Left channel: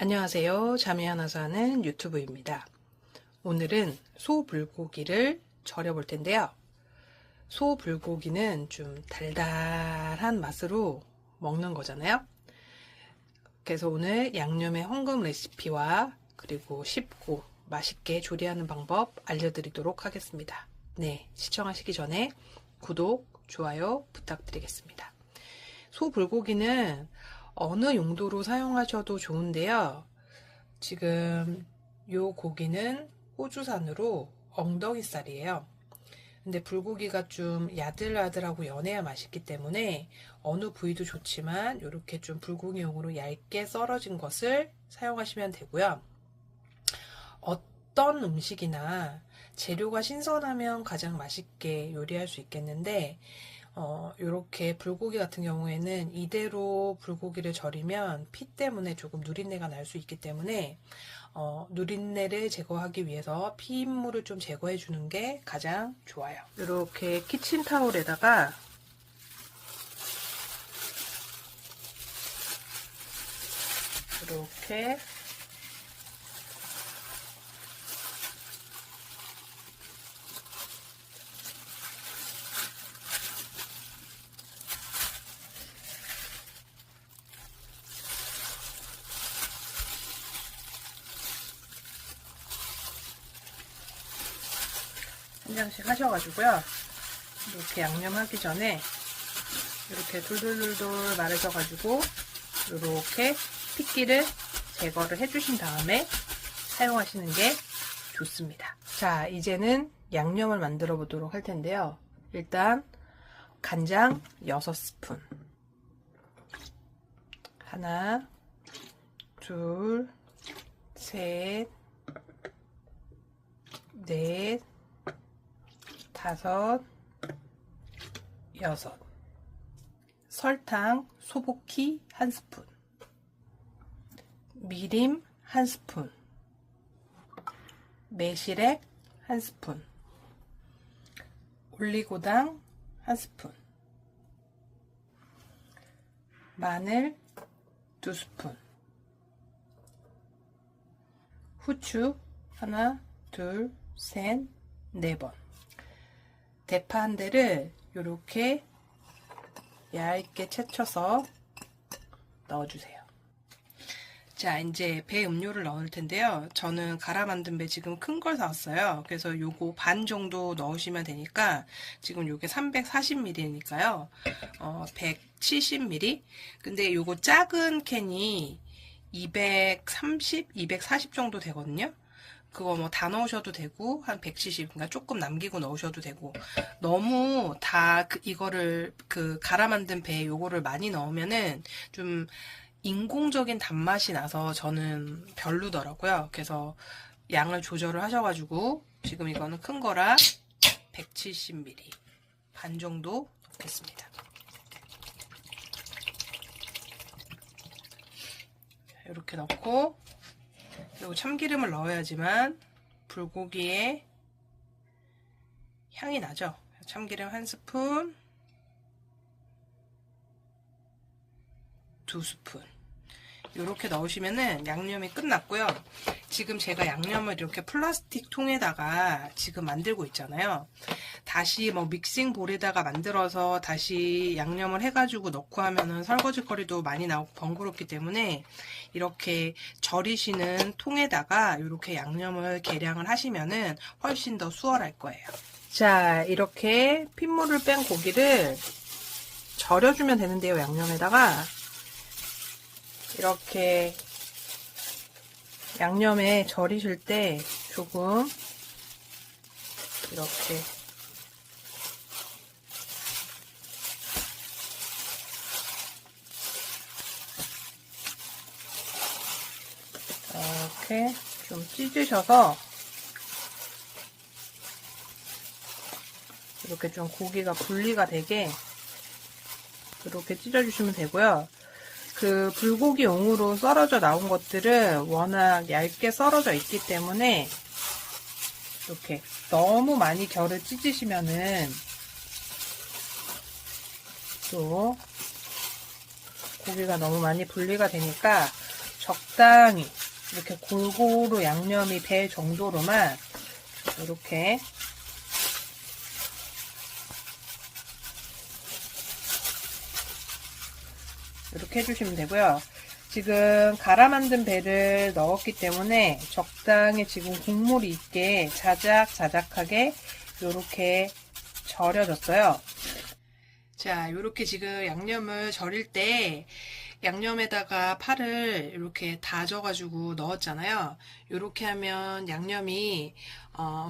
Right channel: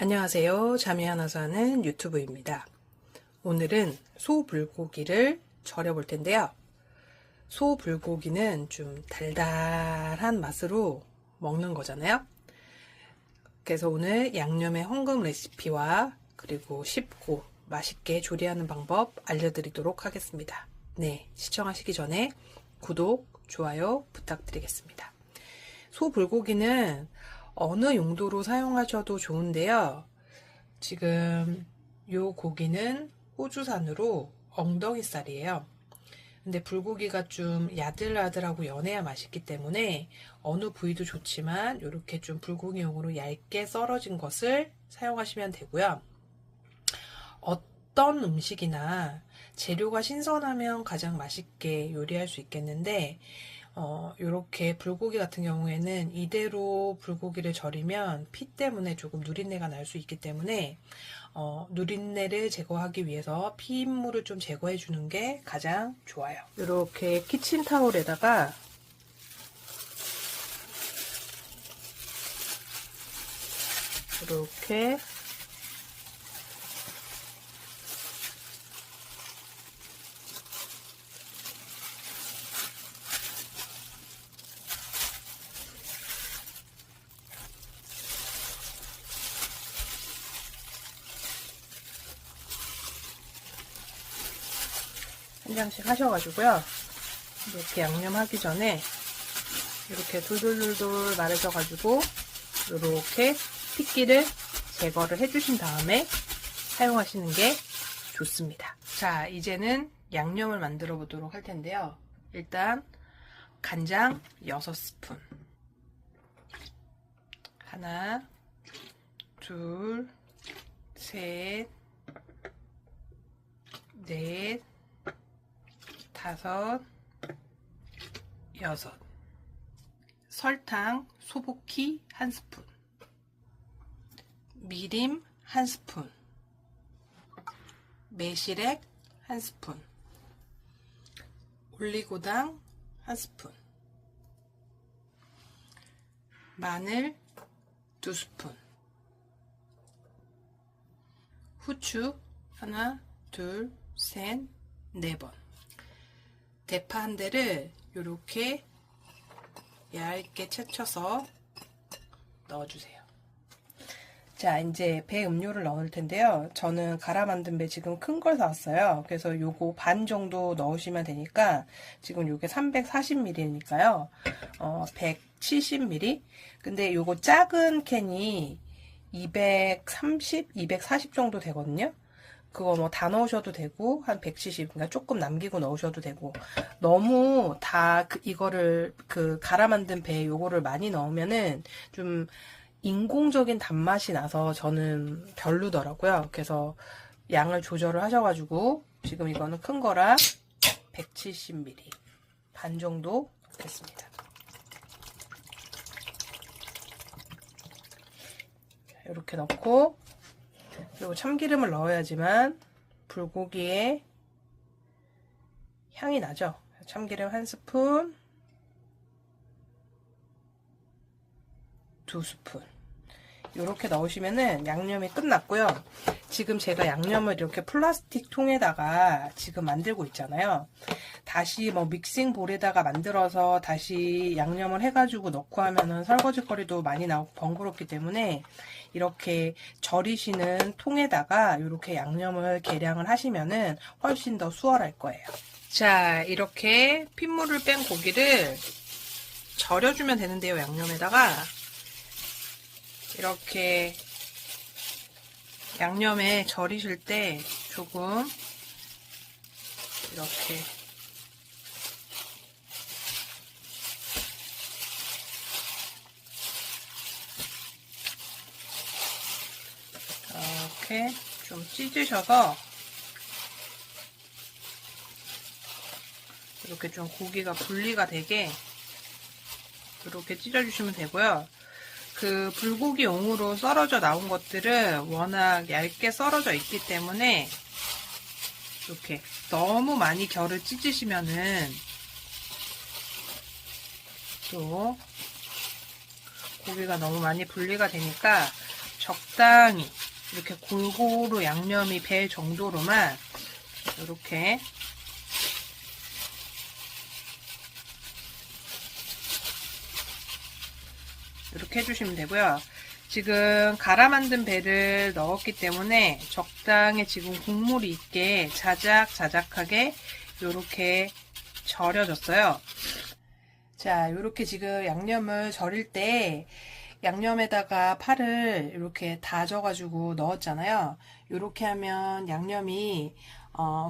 안녕하세요. 잠이 하나 사는 유튜브입니다. 오늘은 소불고기를 절여볼 텐데요. 소불고기는 좀 달달한 맛으로 먹는 거잖아요. 그래서 오늘 양념의 황금 레시피와 그리고 쉽고 맛있게 조리하는 방법 알려드리도록 하겠습니다. 네, 시청하시기 전에 구독, 좋아요 부탁드리겠습니다. 소불고기는 어느 용도로 사용하셔도 좋은데요. 지금 요 고기는 호주산으로 엉덩이살이에요. 근데 불고기가 좀 야들야들하고 연해야 맛있기 때문에 어느 부위도 좋지만 이렇게 좀 불고기용으로 얇게 썰어진 것을 사용하시면 되고요. 어떤 음식이나 재료가 신선하면 가장 맛있게 요리할 수 있겠는데 요렇게 불고기 같은 경우에는 이대로 불고기를 절이면 피 때문에 조금 누린내가 날 수 있기 때문에 누린내를 제거하기 위해서 피임물을 좀 제거해 주는 게 가장 좋아요. 이렇게 키친타올에다가 이렇게 한 장씩 하셔가지고요. 이렇게 양념하기 전에 이렇게 돌돌돌돌 말으셔가지고 이렇게 핏기를 제거를 해주신 다음에 사용하시는 게 좋습니다. 자, 이제는 양념을 만들어 보도록 할 텐데요. 일단 간장 6스푼, 하나, 둘, 셋, 넷, 다섯, 여섯. 설탕 소복기 1스푼, 미림 1스푼, 매실액 1스푼, 올리고당 1스푼, 마늘 2스푼, 후추 하나, 둘, 셋, 4번. 대파 한 대를 이렇게 얇게 채쳐서 넣어주세요. 자, 이제 배 음료를 넣을 텐데요. 저는 갈아 만든 배 지금 큰 걸 사왔어요. 그래서 요거 반 정도 넣으시면 되니까 지금 요게 340ml니까요. 170ml. 근데 요거 작은 캔이 230, 240 정도 되거든요. 그거 뭐 다 넣으셔도 되고 한 170, 그러니까 조금 남기고 넣으셔도 되고, 너무 다 이거를 갈아 만든 배 요거를 많이 넣으면은 좀 인공적인 단맛이 나서 저는 별로더라고요. 그래서 양을 조절을 하셔가지고 지금 이거는 큰 거라 170ml 반 정도 넣겠습니다. 이렇게 넣고, 그리고 참기름을 넣어야지만 불고기에 향이 나죠. 참기름 1스푼, 2스푼 이렇게 넣으시면은 양념이 끝났고요. 지금 제가 양념을 이렇게 플라스틱 통에다가 지금 만들고 있잖아요. 다시 뭐 믹싱 볼에다가 만들어서 다시 양념을 해가지고 넣고 하면은 설거지거리도 많이 나오고 번거롭기 때문에 이렇게 절이시는 통에다가 이렇게 양념을 계량을 하시면은 훨씬 더 수월할 거예요. 자, 이렇게 핏물을 뺀 고기를 절여주면 되는데요. 양념에다가 이렇게 양념에 절이실 때 조금 이렇게 이렇게 좀 찢으셔서 이렇게 좀 고기가 분리가 되게 이렇게 찢어주시면 되고요. 그 불고기용으로 썰어져 나온 것들은 워낙 얇게 썰어져 있기 때문에 이렇게 너무 많이 결을 찢으시면은 또 고기가 너무 많이 분리가 되니까 적당히 이렇게 골고루 양념이 배 정도로만 이렇게 해주시면 되고요. 지금 갈아 만든 배를 넣었기 때문에 적당히 지금 국물이 있게 자작자작하게 이렇게 절여졌어요. 자, 이렇게 지금 양념을 절일 때 양념에다가 파를 이렇게 다져가지고 넣었잖아요. 이렇게 하면 양념이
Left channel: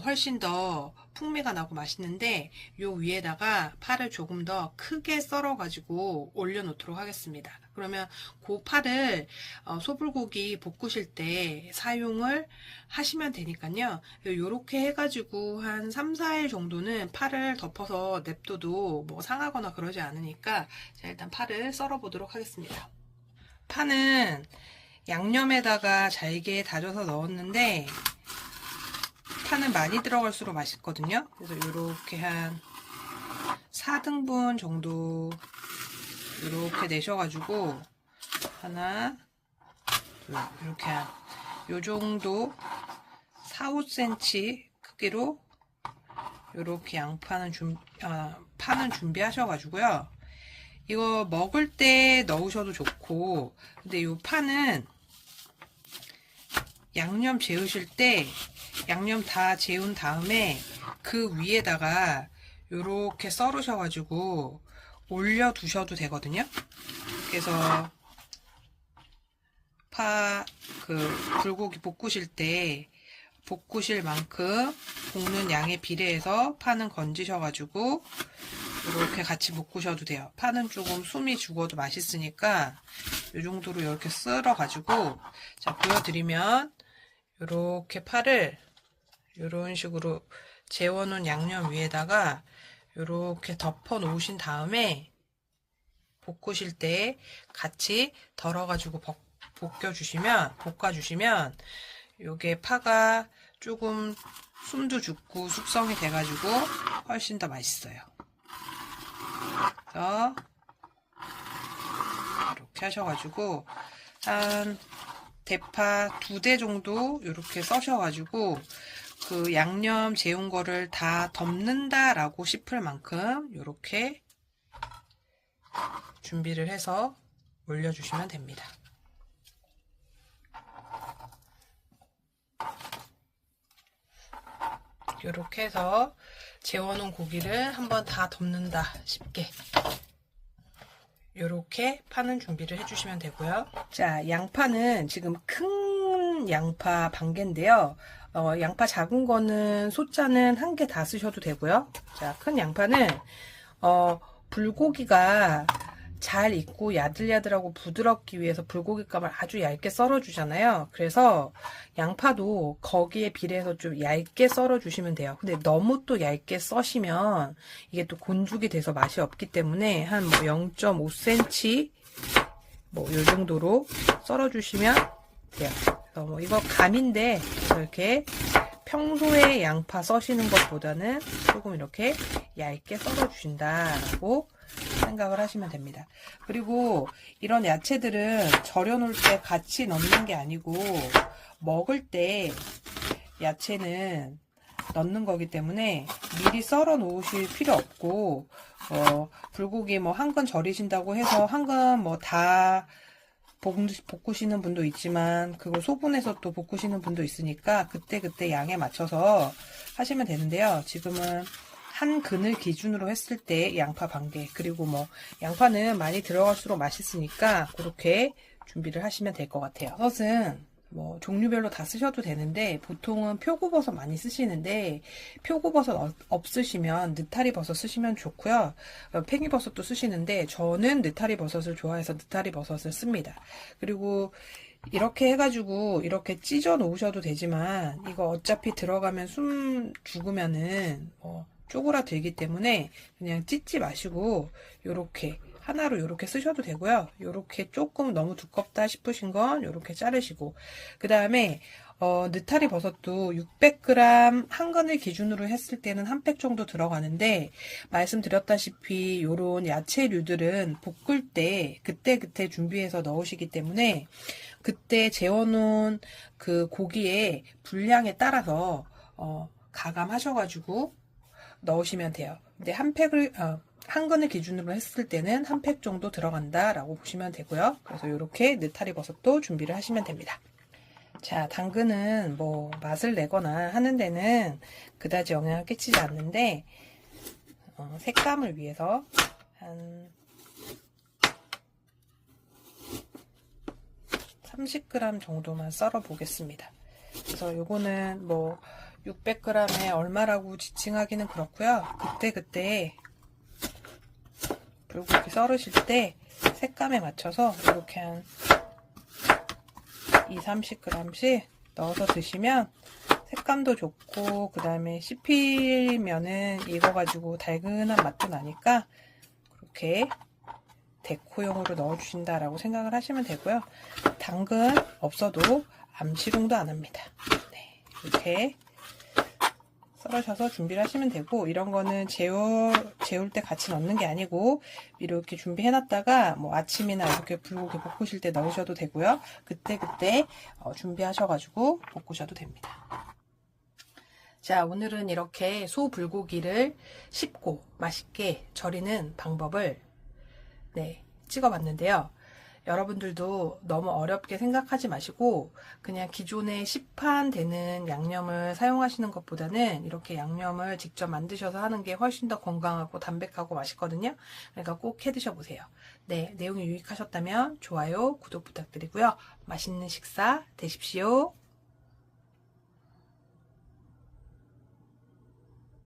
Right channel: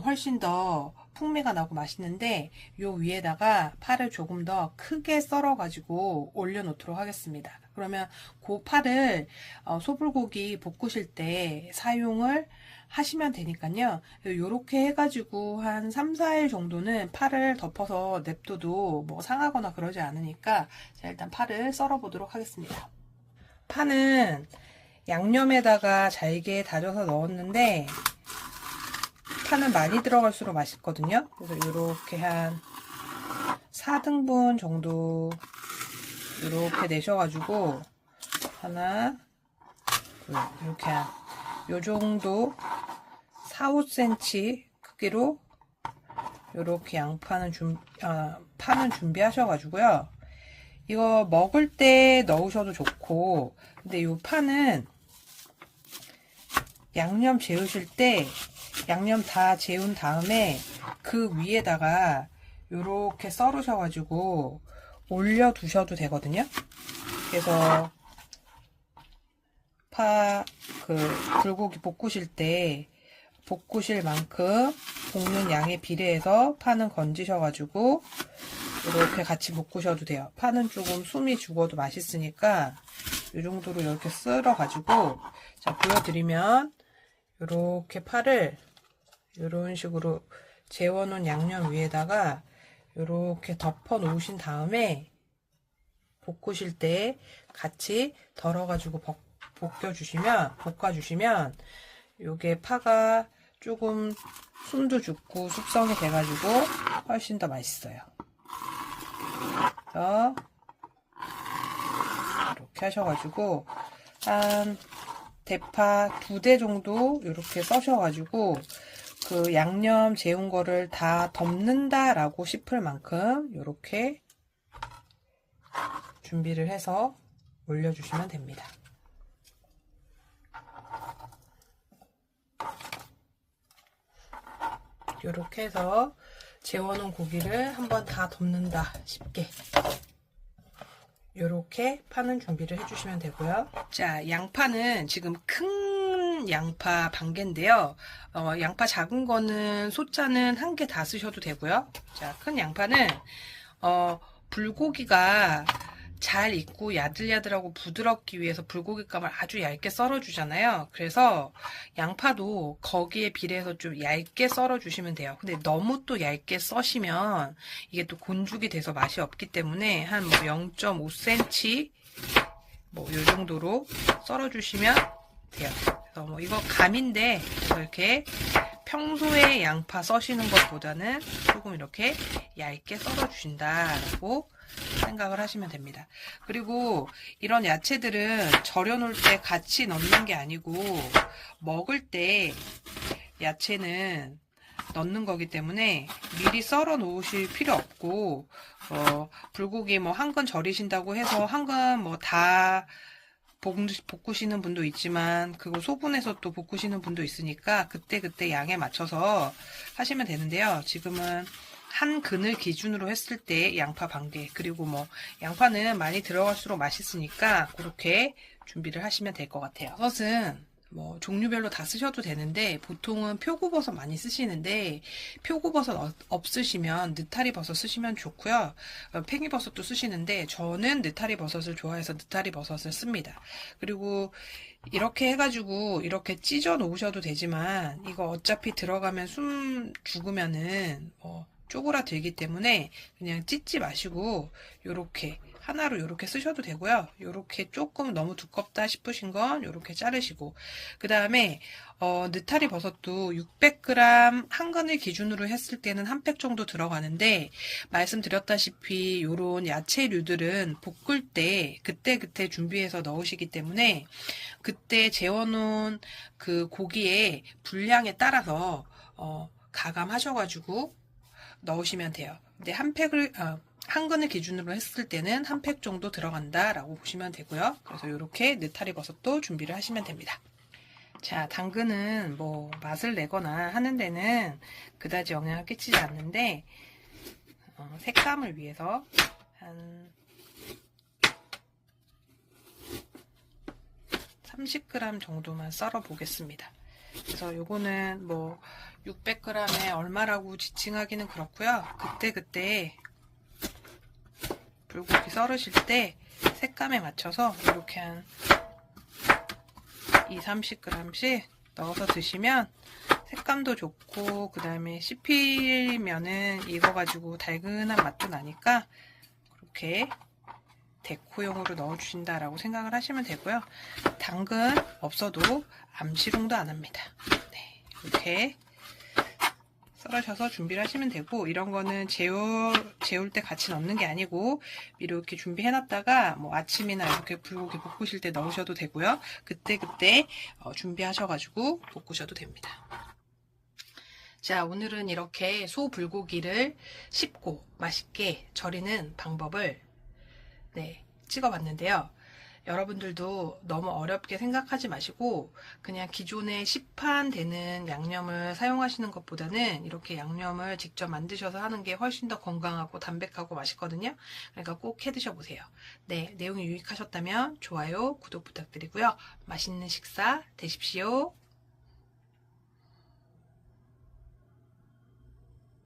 훨씬 더 풍미가 나고 맛있는데, 요 위에다가 파를 조금 더 크게 썰어가지고 올려놓도록 하겠습니다. 그러면 그 파를 소불고기 볶으실 때 사용을 하시면 되니까요. 요렇게 해가지고 한 3, 4일 정도는 파를 덮어서 냅둬도 뭐 상하거나 그러지 않으니까, 자, 일단 파를 썰어 보도록 하겠습니다. 파는 양념에다가 잘게 다져서 넣었는데, 파는 많이 들어갈수록 맛있거든요. 그래서 이렇게 한 4등분 정도 이렇게 내셔가지고 하나, 둘, 이렇게 요 정도 4, 5cm 크기로 이렇게 파는 준비하셔가지고요. 이거 먹을 때 넣으셔도 좋고, 근데 이 파는 양념 재우실 때 양념 다 재운 다음에 그 위에다가 이렇게 썰으셔가지고 올려 두셔도 되거든요. 그래서 불고기 볶으실 때 볶으실 만큼 볶는 양에 비례해서 파는 건지셔가지고 이렇게 같이 볶으셔도 돼요. 파는 조금 숨이 죽어도 맛있으니까 이 정도로 이렇게 썰어가지고, 자, 보여드리면 이렇게 파를 이런 식으로 재워놓은 양념 위에다가 이렇게 덮어 놓으신 다음에 볶으실 때 같이 덜어가지고 볶아주시면 요게 파가 조금 숨도 죽고 숙성이 돼가지고 훨씬 더 맛있어요. 그래서 이렇게 하셔가지고 한 대파 2대 정도 이렇게 써셔가지고 그 양념 재운 거를 다 덮는다 라고 싶을 만큼 이렇게 준비를 해서 올려주시면 됩니다. 이렇게 해서 재워놓은 고기를 한번 다 덮는다 싶게 이렇게 파는 준비를 해주시면 되고요. 자, 양파는 지금 큰 양파 반개인데요. 양파 작은 거는 소자는 1개 다 쓰셔도 되고요. 자, 큰 양파는 불고기가 잘 익고 야들야들하고 부드럽기 위해서 불고기감을 아주 얇게 썰어 주잖아요. 그래서 양파도 거기에 비례해서 좀 얇게 썰어 주시면 돼요. 근데 너무 또 얇게 써시면 이게 또 곤죽이 돼서 맛이 없기 때문에 한 0.5cm 뭐 요 정도로 썰어 주시면 돼요. 그래서 뭐 이거 감인데 이렇게 평소에 양파 써시는 것보다는 조금 이렇게 얇게 썰어 주신다라고 생각을 하시면 됩니다. 그리고 이런 야채들은 절여 놓을 때 같이 넣는 게 아니고 먹을 때 야채는 넣는 거기 때문에 미리 썰어 놓으실 필요 없고, 불고기 뭐 한 근 절이신다고 해서 한 근 뭐 다 볶으시는 분도 있지만 그거 소분해서 또 볶으시는 분도 있으니까 그때그때 양에 맞춰서 하시면 되는데요. 지금은 한 근을 기준으로 했을 때 양파 반개, 그리고 뭐 양파는 많이 들어갈수록 맛있으니까 그렇게 준비를 하시면 될 것 같아요. 버섯은 뭐 종류별로 다 쓰셔도 되는데 보통은 표고버섯 많이 쓰시는데 표고버섯 없으시면 느타리버섯 쓰시면 좋고요. 팽이버섯도 쓰시는데 저는 느타리버섯을 좋아해서 느타리버섯을 씁니다. 그리고 이렇게 해가지고 이렇게 찢어 놓으셔도 되지만 이거 어차피 들어가면 숨 죽으면은 뭐 쪼그라들기 때문에 그냥 찢지 마시고 이렇게 하나로 이렇게 쓰셔도 되고요. 이렇게 조금 너무 두껍다 싶으신 건 이렇게 자르시고, 그 다음에 느타리 버섯도 600g 한 근을 기준으로 했을 때는 한 팩 정도 들어가는데, 말씀드렸다시피 이런 야채류들은 볶을 때 그때그때 준비해서 넣으시기 때문에 그때 재워놓은 그 고기의 분량에 따라서 가감하셔가지고 넣으시면 돼요. 근데 한 근을 기준으로 했을 때는 한 팩 정도 들어간다라고 보시면 되고요. 그래서 이렇게 느타리 버섯도 준비를 하시면 됩니다. 자, 당근은 뭐 맛을 내거나 하는 데는 그다지 영향을 끼치지 않는데 색감을 위해서 한 30g 정도만 썰어 보겠습니다. 그래서 요거는 뭐 600g에 얼마라고 지칭하기는 그렇고요. 그때 불고기 썰으실 때 색감에 맞춰서 이렇게 한 30g씩 넣어서 드시면 색감도 좋고, 그 다음에 씹히면은 익어가지고 달근한 맛도 나니까 그렇게 데코용으로 넣어주신다라고 생각을 하시면 되고요. 당근 없어도 암시롱도 안 합니다. 네, 이렇게 썰으셔서 준비를 하시면 되고, 이런 거는 재울 때 같이 넣는 게 아니고 이렇게 준비해놨다가 뭐 아침이나 이렇게 불고기 볶으실 때 넣으셔도 되고요. 그때 준비하셔가지고 볶으셔도 됩니다. 자, 오늘은 이렇게 소 불고기를 씹고 맛있게 절이는 방법을 찍어봤는데요. 여러분들도 너무 어렵게 생각하지 마시고 그냥 기존에 시판되는 양념을 사용하시는 것보다는 이렇게 양념을 직접 만드셔서 하는 게 훨씬 더 건강하고 담백하고 맛있거든요. 그러니까 꼭 해 드셔보세요. 네, 내용이 유익하셨다면 좋아요, 구독 부탁드리고요. 맛있는 식사 되십시오.